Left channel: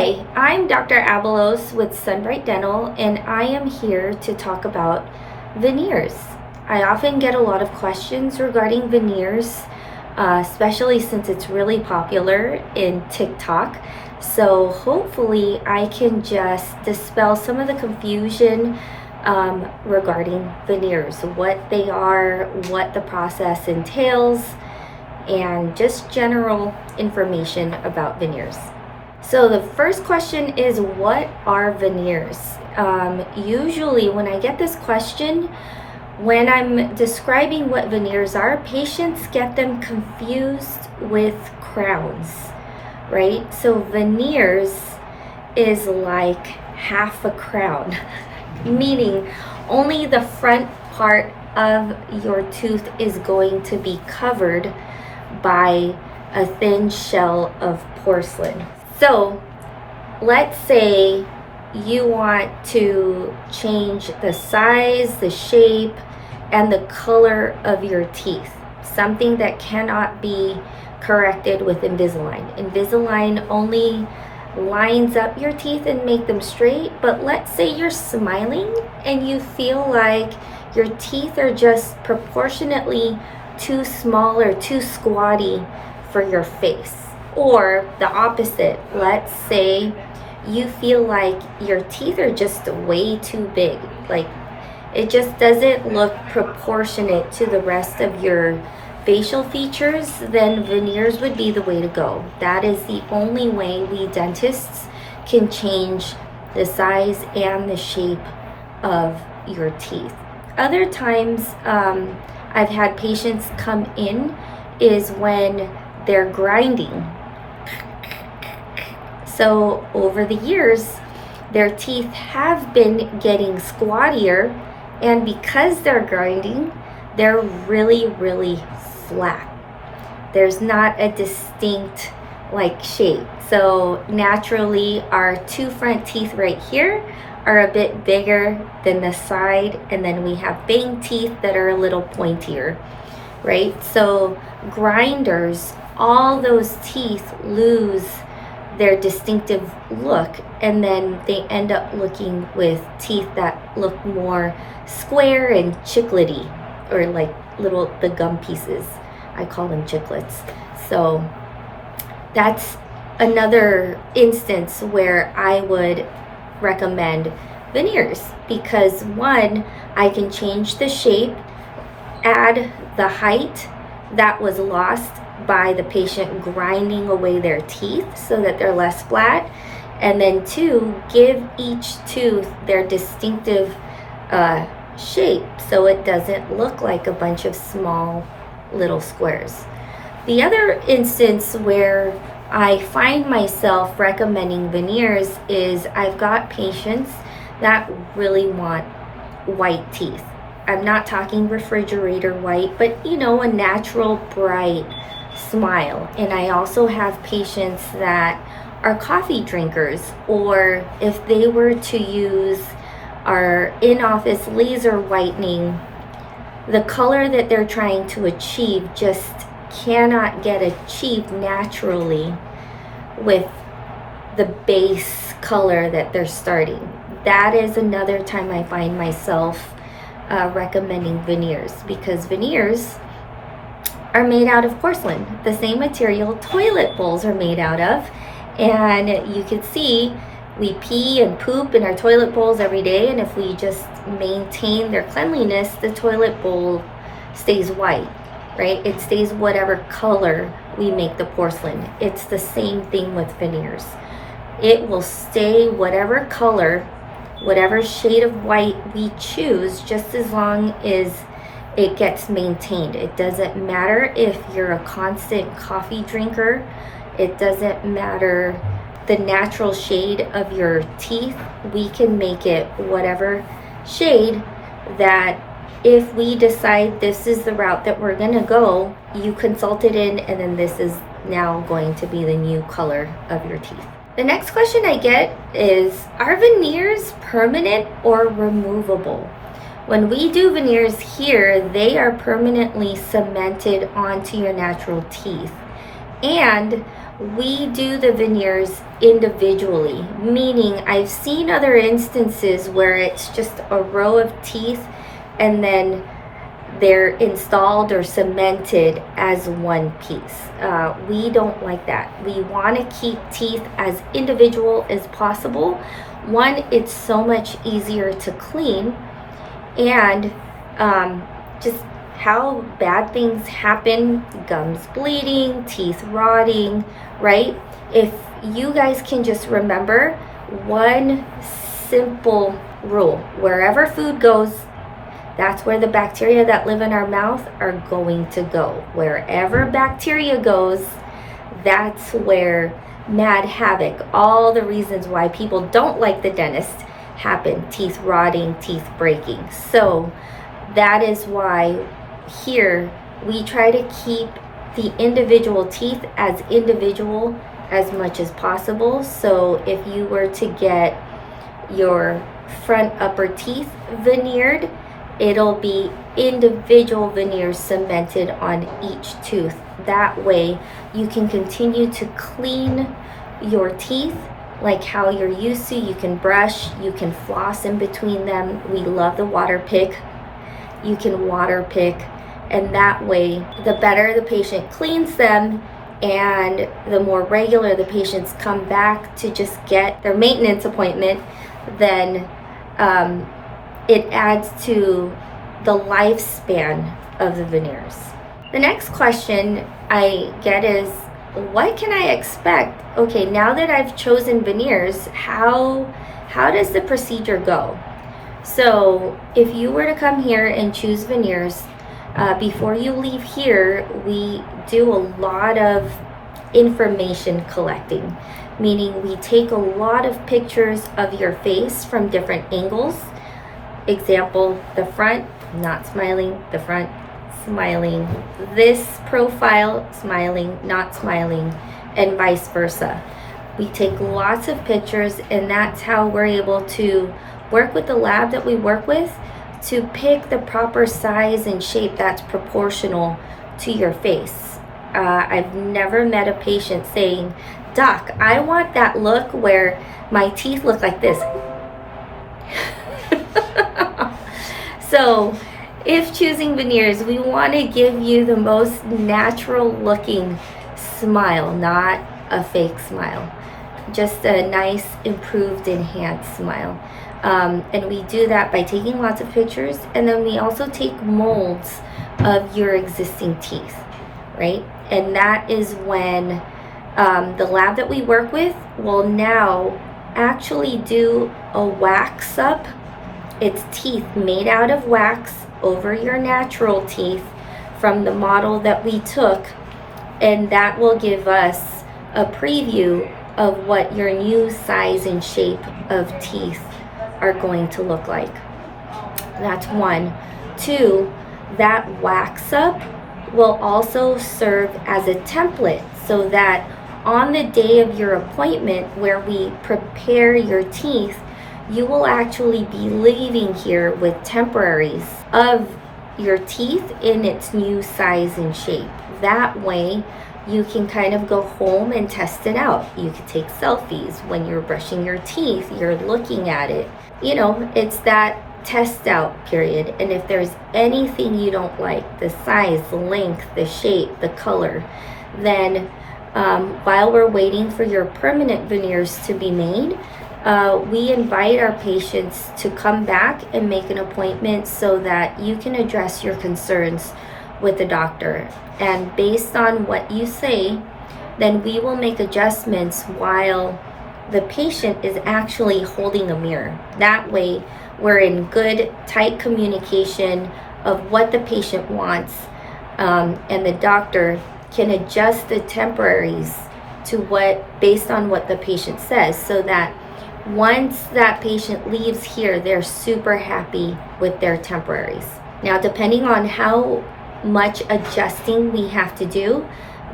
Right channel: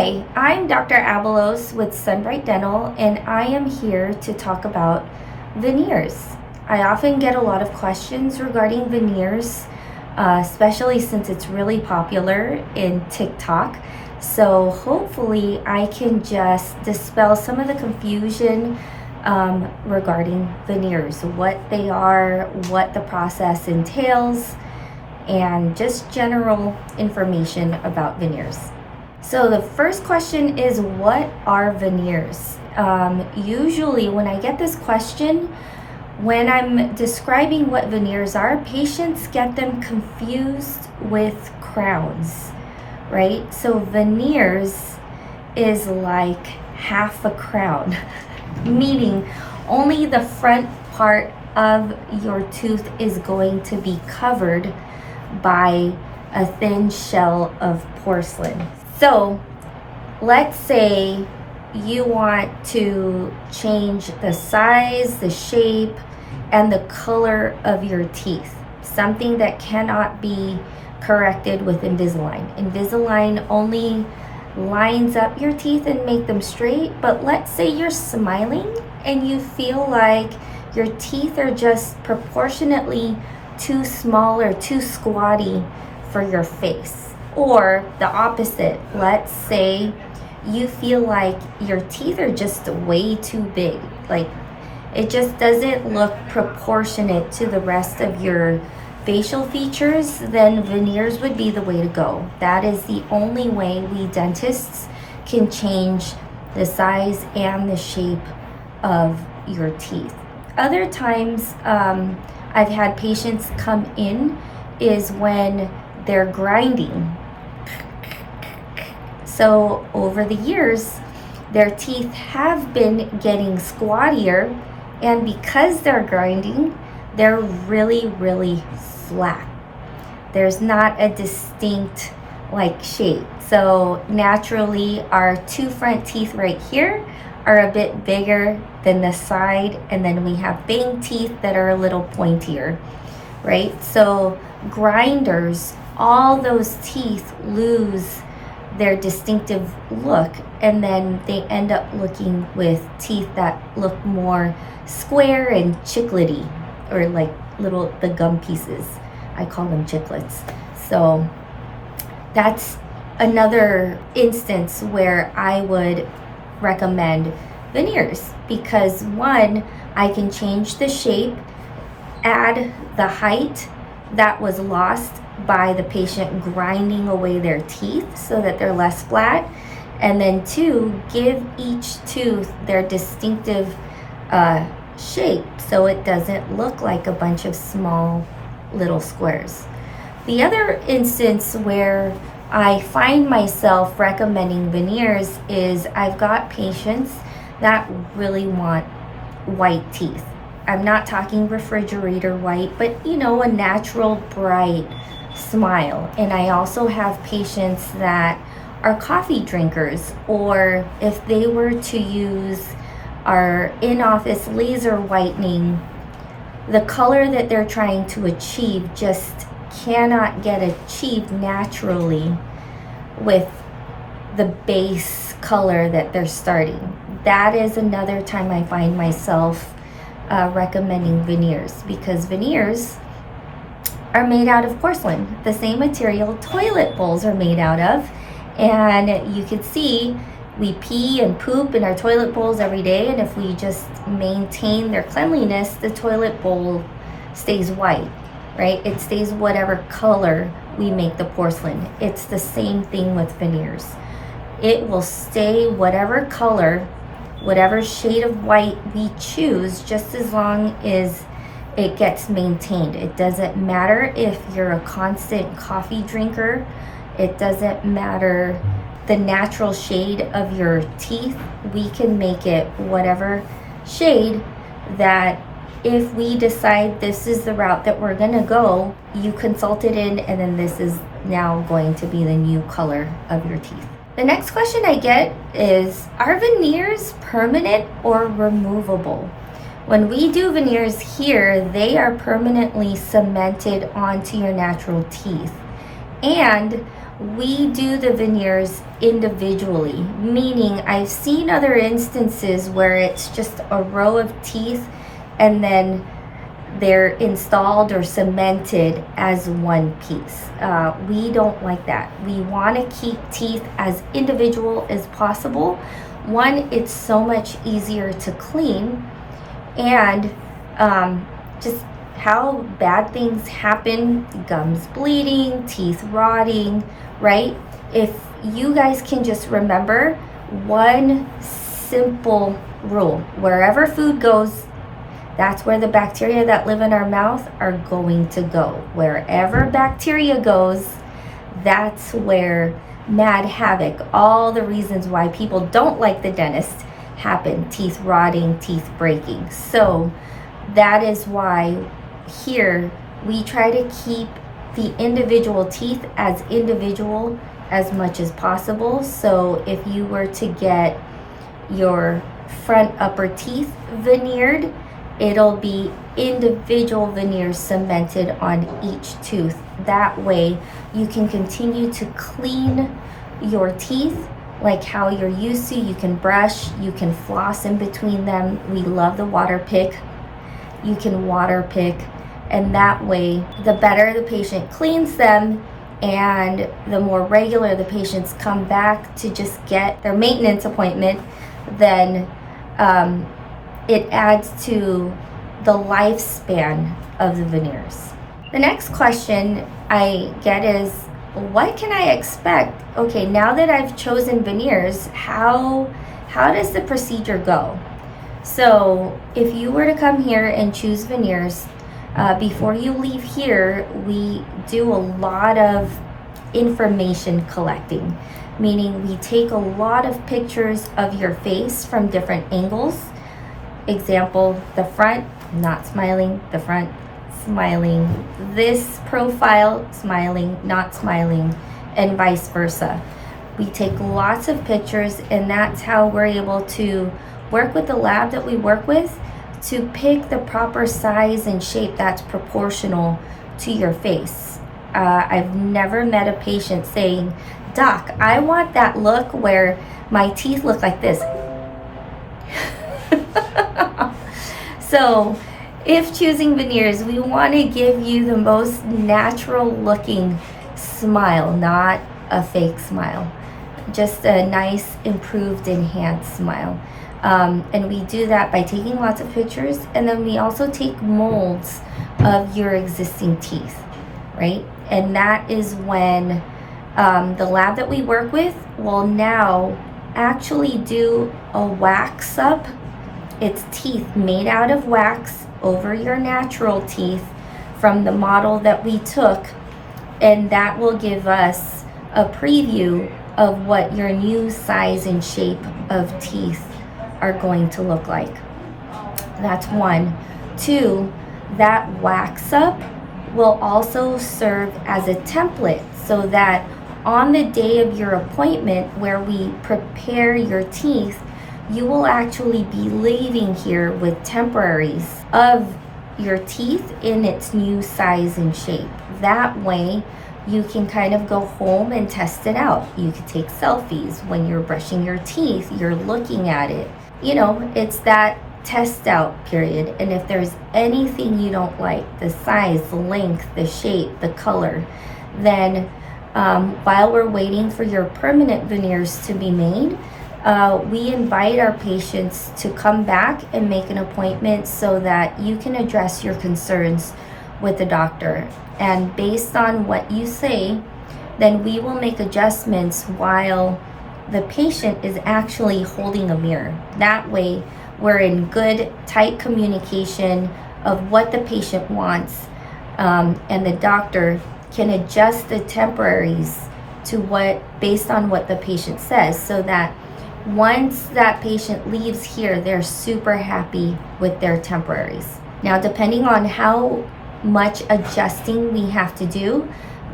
Hi, I'm Dr. Abelos with SunBrite Dental, and I am here to talk about veneers. I often get a lot of questions regarding veneers, especially since it's really popular in TikTok. So hopefully I can just dispel some of the confusion regarding veneers, what they are, what the process entails, and just general information about veneers. So the first question is, what are veneers? Usually when I get this question, when I'm describing what veneers are, patients get them confused with crowns, right? So veneers is like half a crown, meaning only the front part of your tooth is going to be covered by a thin shell of porcelain. So let's say you want to change the size, the shape, and the color of your teeth, something that cannot be corrected with Invisalign. Invisalign only lines up your teeth and make them straight, but let's say you're smiling and you feel like your teeth are just proportionately too small or too squatty for your face. Or the opposite, let's say you feel like your teeth are just way too big, like it just doesn't look proportionate to the rest of your facial features, then veneers would be the way to go. That is the only way we dentists can change the size and the shape of your teeth. Other times I've had patients come in is when they're grinding. So over the years, their teeth have been getting squattier, and because they're grinding, they're really, really flat. There's not a distinct shape. So naturally, our two front teeth right here are a bit bigger than the side, and then we have fang teeth that are a little pointier, right? So grinders, all those teeth lose their distinctive look, and then they end up looking with teeth that look more square and chiclety, or like the gum pieces. I call them chiclets. So that's another instance where I would recommend veneers, because one, I can change the shape, add the height that was lost by the patient grinding away their teeth so that they're less flat, and then two, give each tooth their distinctive shape so it doesn't look like a bunch of small little squares. The other instance where I find myself recommending veneers is I've got patients that really want white teeth. I'm not talking refrigerator white, but a natural bright smile. And I also have patients that are coffee drinkers, or if they were to use our in-office laser whitening, the color that they're trying to achieve just cannot get achieved naturally with the base color that they're starting. That is another time I find myself recommending veneers, because veneers are made out of porcelain, the same material toilet bowls are made out of. And you can see we pee and poop in our toilet bowls every day, and if we just maintain their cleanliness, the toilet bowl stays white, right? It stays whatever color we make the porcelain. It's the same thing with veneers. It will stay whatever color, whatever shade of white we choose, just as long as it gets maintained. It doesn't matter if you're a constant coffee drinker. It doesn't matter the natural shade of your teeth. We can make it whatever shade that, if we decide this is the route that we're gonna go, you consulted in, and then this is now going to be the new color of your teeth. The next question I get is, are veneers permanent or removable? When we do veneers here, they are permanently cemented onto your natural teeth. And we do the veneers individually, meaning I've seen other instances where it's just a row of teeth and then they're installed or cemented as one piece. We don't like that. We want to keep teeth as individual as possible. One, it's so much easier to clean, and just how bad things happen, gums bleeding, teeth rotting, right? If you guys can just remember one simple rule: wherever food goes, that's where the bacteria that live in our mouth are going to go. Wherever bacteria goes, that's where mad havoc, all the reasons why people don't like the dentist happen: teeth rotting, teeth breaking. So that is why here we try to keep the individual teeth as individual as much as possible. So if you were to get your front upper teeth veneered, it'll be individual veneers cemented on each tooth. That way you can continue to clean your teeth like how you're used to. You can brush, you can floss in between them. We love the water pick. You can water pick, and that way the better the patient cleans them and the more regular the patients come back to just get their maintenance appointment, then it adds to the lifespan of the veneers. The next question I get is, what can I expect? Okay, now that I've chosen veneers, how does the procedure go? So if you were to come here and choose veneers, before you leave here, we do a lot of information collecting, meaning we take a lot of pictures of your face from different angles. Example, the front, not smiling, the front, smiling, this profile, smiling, not smiling, and vice versa. We take lots of pictures, and that's how we're able to work with the lab that we work with to pick the proper size and shape that's proportional to your face. I've never met a patient saying, "Doc, I want that look where my teeth look like this." So if choosing veneers, we want to give you the most natural looking smile, not a fake smile, just a nice, improved, enhanced smile. And we do that by taking lots of pictures, and then we also take molds of your existing teeth, right? And that is when the lab that we work with will now actually do a wax up. It's teeth made out of wax over your natural teeth from the model that we took, and that will give us a preview of what your new size and shape of teeth are going to look like. That's one. Two, that wax up will also serve as a template so that on the day of your appointment where we prepare your teeth, you will actually be leaving here with temporaries of your teeth in its new size and shape. That way you can kind of go home and test it out. You can take selfies when you're brushing your teeth, you're looking at it. You know, it's that test out period. And if there's anything you don't like, the size, the length, the shape, the color, then while we're waiting for your permanent veneers to be made, we invite our patients to come back and make an appointment so that you can address your concerns with the doctor. And based on what you say, then we will make adjustments while the patient is actually holding a mirror. That way, we're in good, tight communication of what the patient wants, and the doctor can adjust the temporaries to based on what the patient says, so that once that patient leaves here, they're super happy with their temporaries. Now, depending on how much adjusting we have to do,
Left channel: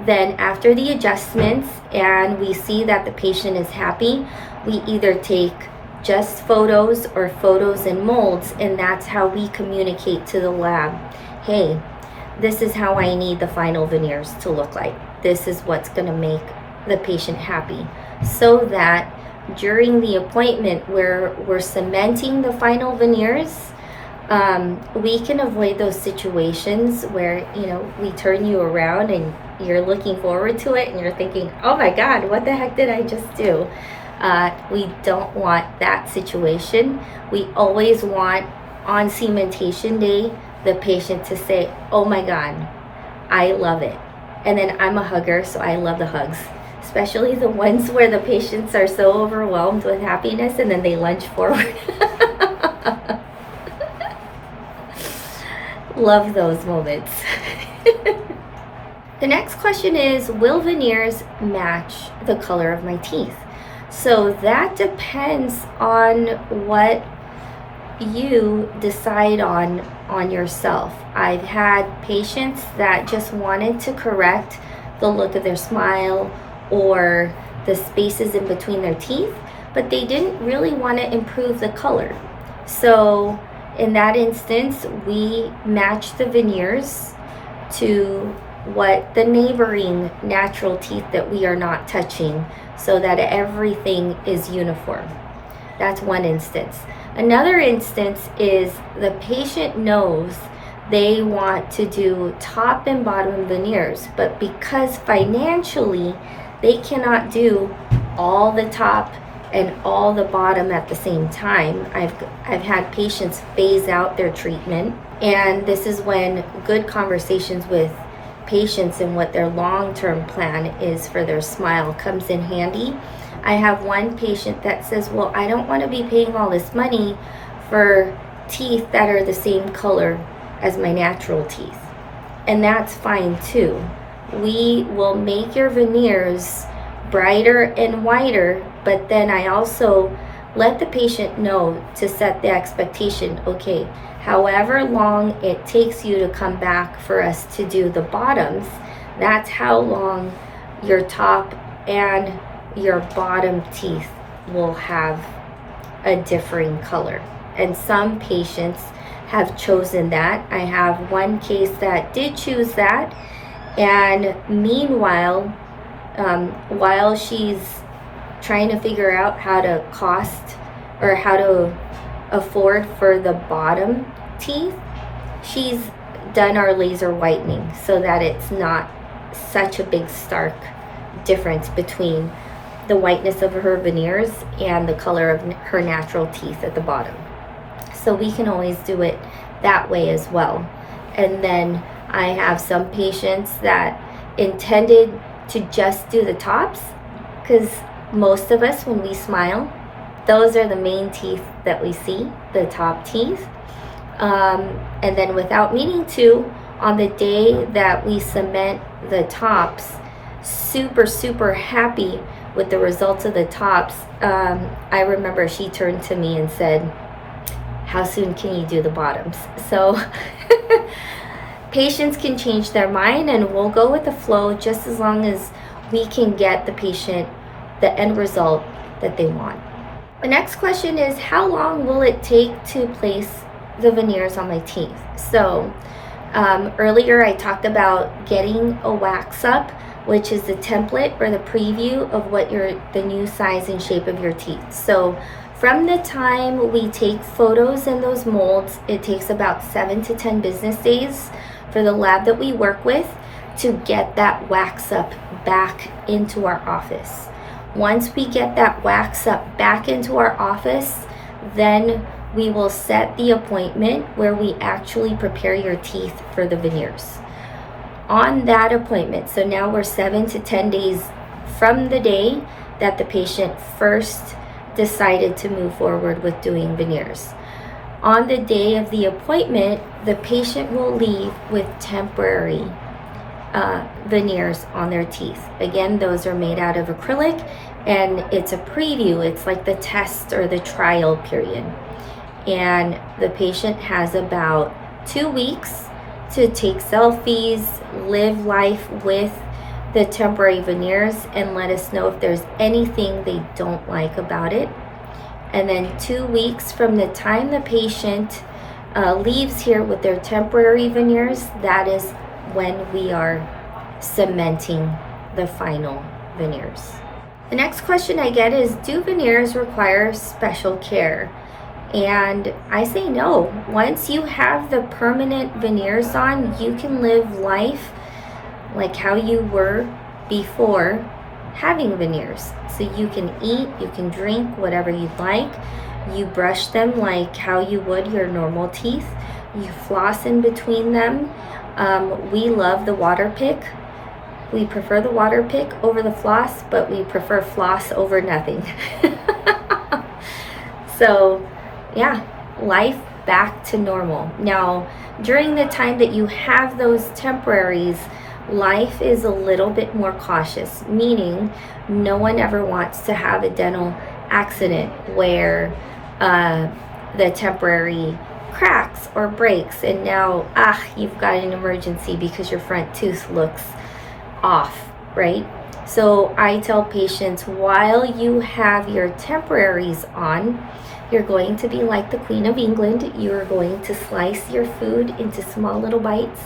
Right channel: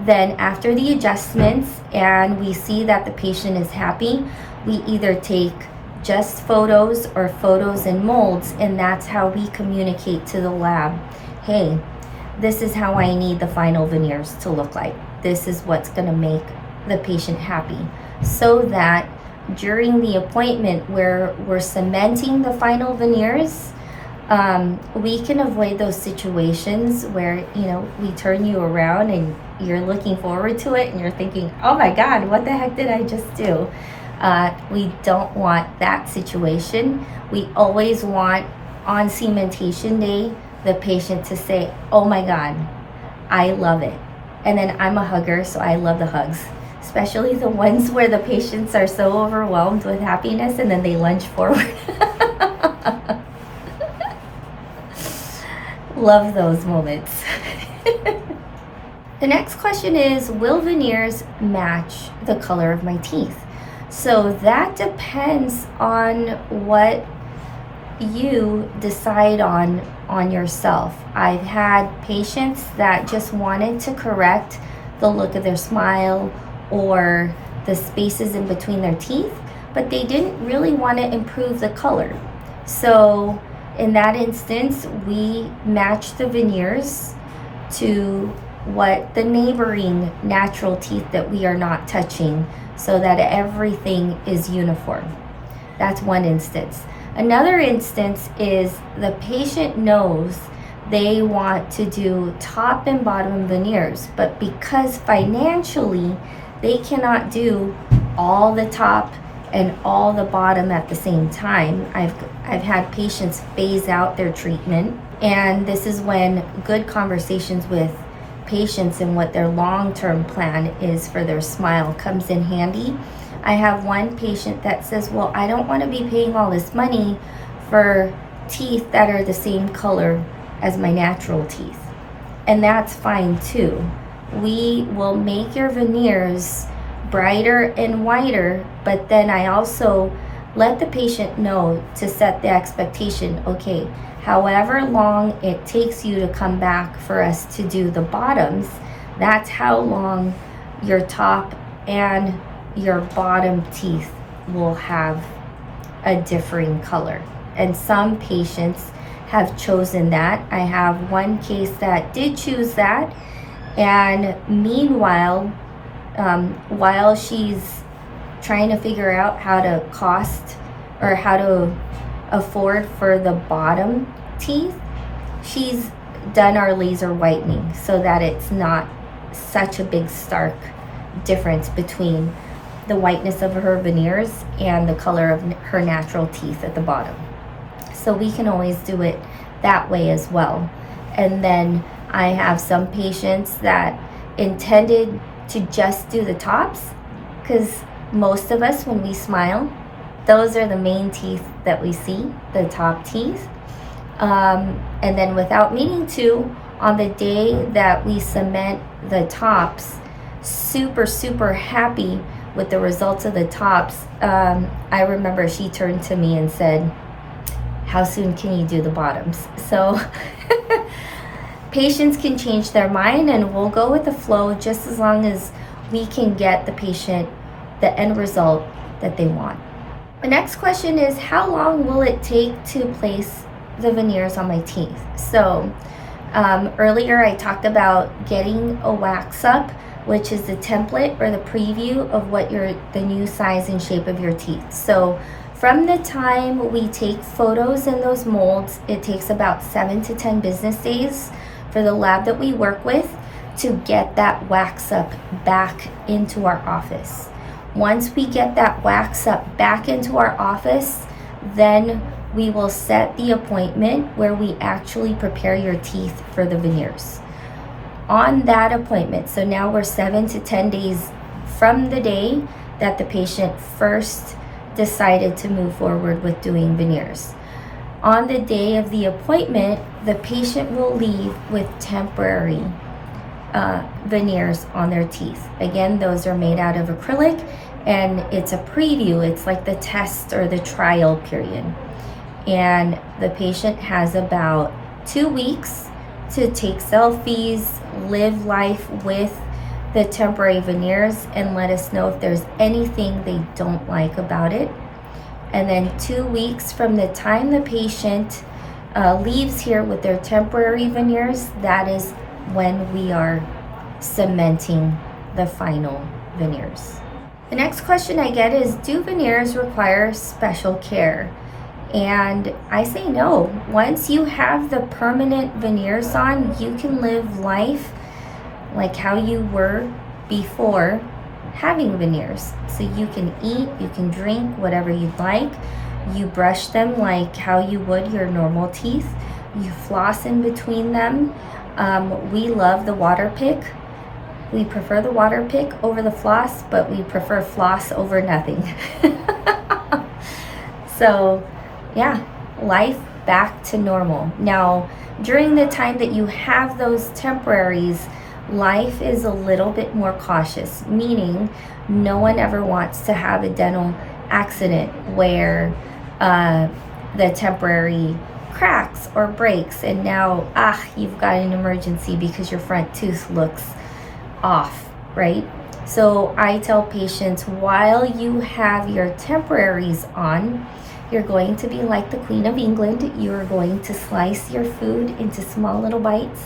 then after the adjustments and we see that the patient is happy, we either take just photos or photos and molds, and that's how we communicate to the lab, hey, this is how I need the final veneers to look like. This is what's going to make the patient happy, so that during the appointment where we're cementing the final veneers, we can avoid those situations where, we turn you around and you're looking forward to it and you're thinking, oh my God, what the heck did I just do? We don't want that situation. We always want, on cementation day, the patient to say, oh my God, I love it. And then I'm a hugger, so I love the hugs, especially the ones where the patients are so overwhelmed with happiness and then they lunge forward. Love those moments. The next question is, will veneers match the color of my teeth? So that depends on what you decide on yourself. I've had patients that just wanted to correct the look of their smile or the spaces in between their teeth, but they didn't really want to improve the color. So in that instance, we match the veneers to what the neighboring natural teeth that we are not touching, so that everything is uniform. That's one instance. Another instance is the patient knows they want to do top and bottom veneers, but because financially they cannot do all the top and all the bottom at the same time. I've had patients phase out their treatment, and this is when good conversations with patients and what their long-term plan is for their smile comes in handy. I have one patient that says, well, I don't want to be paying all this money for teeth that are the same color as my natural teeth. And that's fine too. We will make your veneers brighter and whiter, but then I also let the patient know to set the expectation, okay, however long it takes you to come back for us to do the bottoms, that's how long your top and your bottom teeth will have a differing color. And some patients have chosen that. I have one case that did choose that, and meanwhile, while she's trying to figure out how to cost or how to afford for the bottom teeth, she's done our laser whitening so that it's not such a big stark difference between the whiteness of her veneers and the color of her natural teeth at the bottom. So we can always do it that way as well. And then I have some patients that intended to just do the tops, because most of us, when we smile, those are the main teeth that we see, the top teeth. And then without meaning to, on the day that we cement the tops, super happy with the results of the tops. I remember she turned to me and said, how soon can you do the bottoms? So patients can change their mind, and we'll go with the flow just as long as we can get the patient the end result that they want. The next question is, how long will it take to place the veneers on my teeth? So earlier I talked about getting a wax up, which is the template or the preview of what the new size and shape of your teeth. So from the time we take photos in those molds, it takes about 7 to 10 business days for the lab that we work with to get that wax up back into our office. Once we get that wax up back into our office, then we will set the appointment where we actually prepare your teeth for the veneers. On that appointment, so now we're 7 to 10 days from the day that the patient first decided to move forward with doing veneers. On the day of the appointment, the patient will leave with temporary veneers on their teeth. Again, those are made out of acrylic, and it's a preview. It's like the test or the trial period. And the patient has about 2 weeks to take selfies, live life with the temporary veneers, and let us know if there's anything they don't like about it. And then 2 weeks from the time the patient leaves here with their temporary veneers, that is when we are cementing the final veneers. The next question I get is, do veneers require special care? And I say no. Once you have the permanent veneers on, you can live life like how you were before having veneers. So you can eat, you can drink whatever you'd like. You brush them like how you would your normal teeth. You floss in between them. We love the water pick. We prefer the water pick over the floss, but we prefer floss over nothing. So yeah, life back to normal. Now, during the time that you have those temporaries, life is a little bit more cautious, meaning no one ever wants to have a dental accident where the temporary cracks or breaks and now you've got an emergency because your front tooth looks off, right? So I tell patients, while you have your temporaries on, you're going to be like the Queen of England. You're going to slice your food into small little bites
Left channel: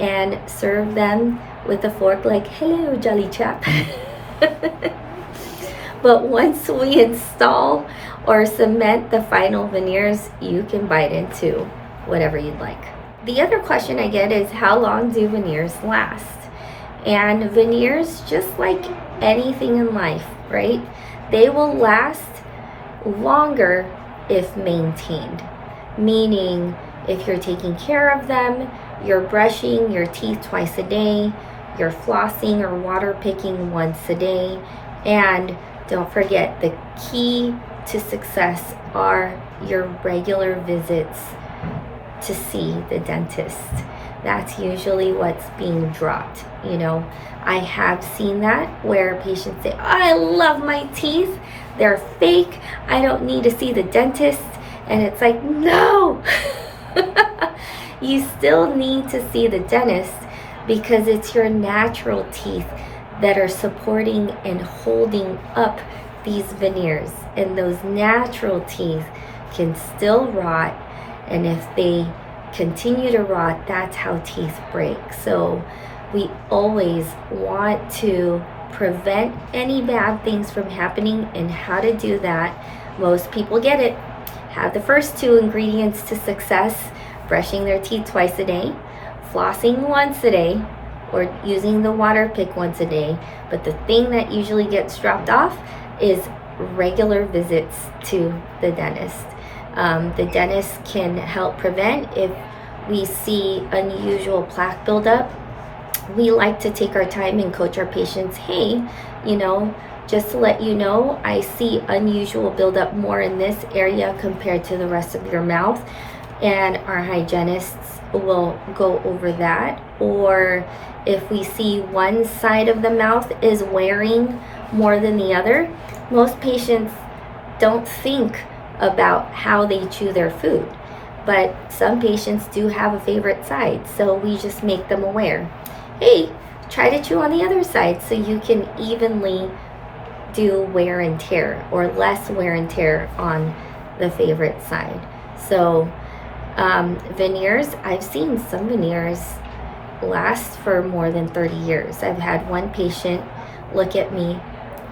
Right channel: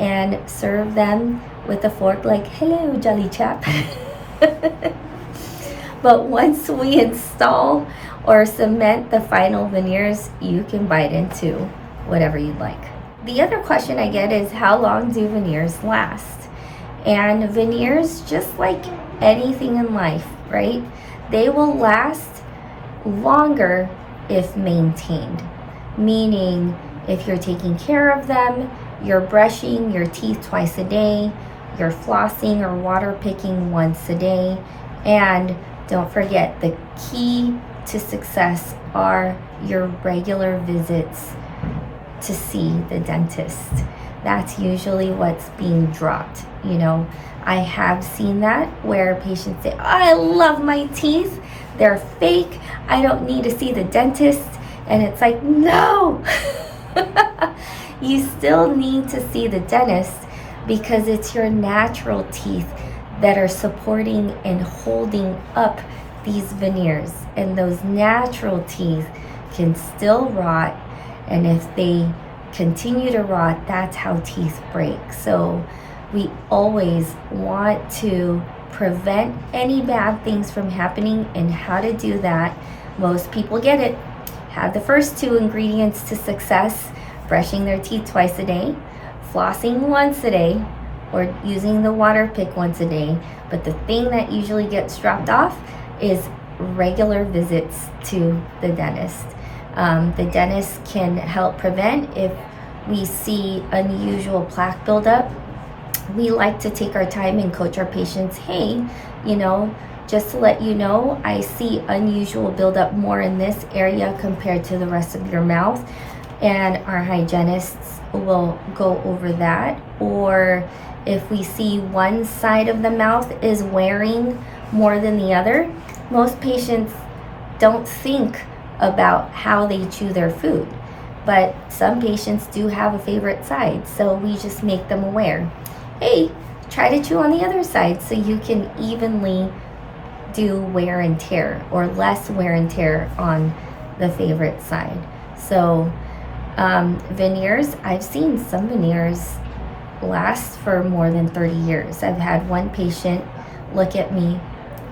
and serve them with a fork like, hello, jolly chap. But once we install or cement the final veneers, you can bite into whatever you'd like. The other question I get is, how long do veneers last? And veneers, just like anything in life, right? They will last longer if maintained. Meaning, if you're taking care of them, you're brushing your teeth twice a day, you're flossing or water picking once a day, and don't forget, the key to success are your regular visits to see the dentist. That's usually what's being dropped. You know, I have seen that where patients say, oh, I love my teeth, they're fake, I don't need to see the dentist. And it's like, no, you still need to see the dentist because it's your natural teeth that are supporting and holding up these veneers. And those natural teeth can still rot. And if they continue to rot, that's how teeth break. So we always want to prevent any bad things from happening. And how to do that, most people get it. Have the first two ingredients to success: brushing their teeth twice a day, flossing once a day, or using the water pick once a day. But the thing that usually gets dropped off is regular visits to the dentist. The dentist can help prevent if we see unusual plaque buildup. We like to take our time and coach our patients, hey, just to let you know, I see unusual buildup more in this area compared to the rest of your mouth. And our hygienists will go over that. Or if we see one side of the mouth is wearing more than the other, most patients don't think about how they chew their food. But some patients do have a favorite side, so we just make them aware. Hey, try to chew on the other side so you can evenly do wear and tear, or less wear and tear on the favorite side. So veneers, I've seen some veneers last for more than 30 years. I've had one patient look at me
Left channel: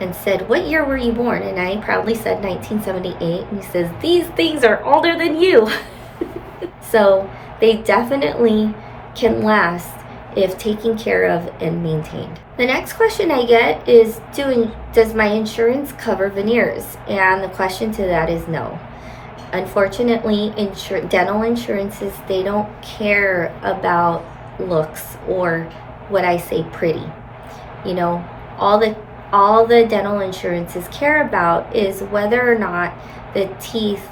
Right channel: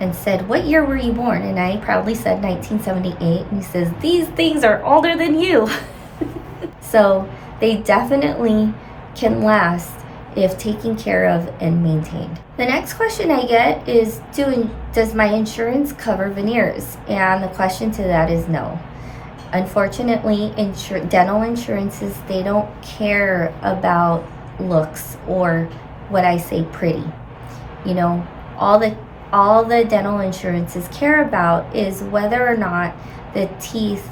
and said, what year were you born? And I proudly said 1978. And he says, these things are older than you. So they definitely can last if taken care of and maintained. The next question I get is, does my insurance cover veneers? And the question to that is no. Unfortunately, dental insurances, they don't care about looks or what I say pretty. All the dental insurances care about is whether or not the teeth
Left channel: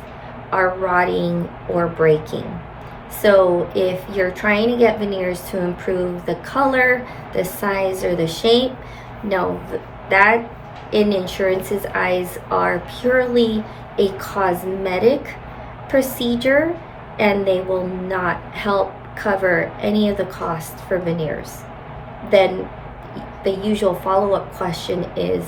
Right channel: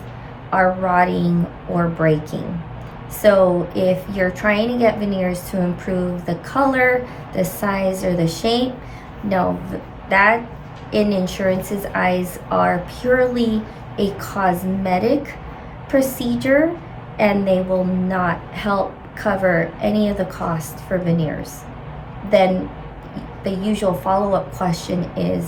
are rotting or breaking. So if you're trying to get veneers to improve the color, the size, or the shape, no, that in insurance's eyes are purely a cosmetic procedure, and they will not help cover any of the cost for veneers. Then the usual follow-up question is,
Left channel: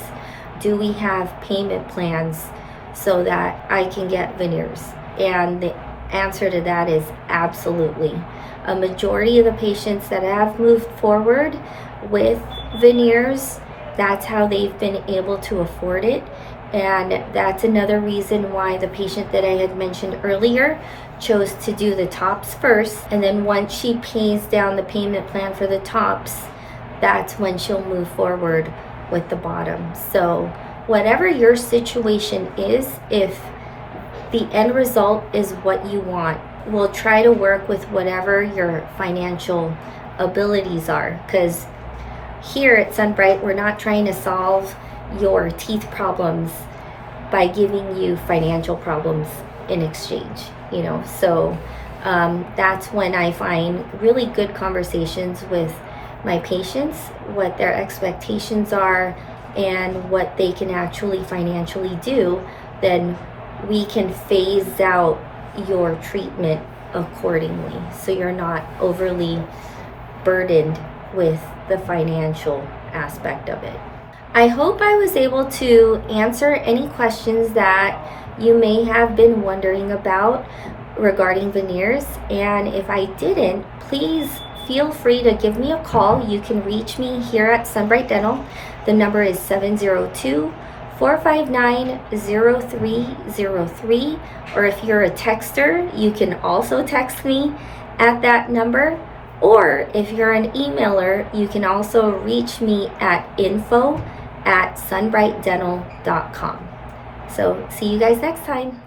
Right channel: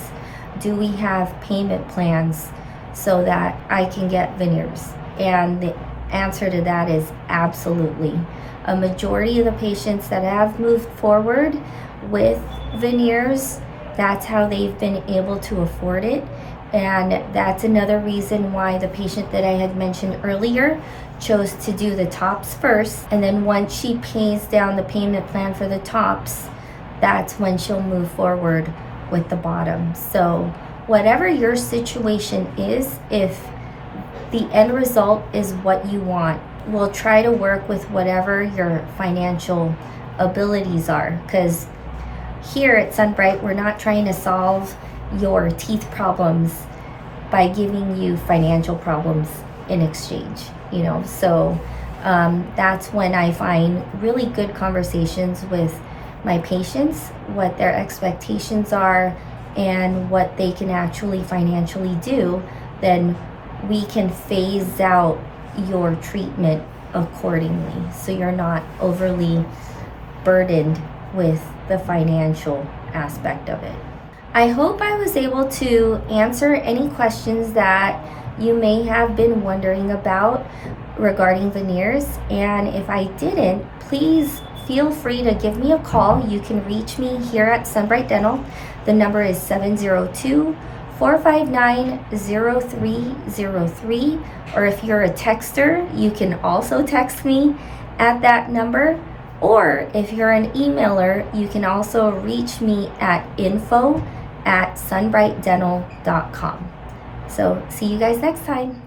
do we have payment plans so that I can get veneers? And the answer to that is absolutely. A majority of the patients that have moved forward with veneers That's how they've been able to afford it. And that's another reason why the patient that I had mentioned earlier chose to do the tops first. And then once she pays down the payment plan for the tops, that's when she'll move forward with the bottom. So whatever your situation is, if the end result is what you want, we'll try to work with whatever your financial abilities are. Because here at SunBrite, we're not trying to solve your teeth problems by giving you financial problems in exchange, so that's when I find really good conversations with my patients, what their expectations are and what they can actually financially do. Then we can phase out your treatment accordingly, so you're not overly burdened with the financial aspect of it. I hope I was able to answer any questions that you may have been wondering about regarding veneers. And if I didn't, please feel free to give me a call. You can reach me here at SunBrite Dental. The number is 702-459-0303. Or if you're a texter, you can also text me at that number. Or if you're an emailer, you can also reach me at info@sunbritedental.com. So see you guys next time.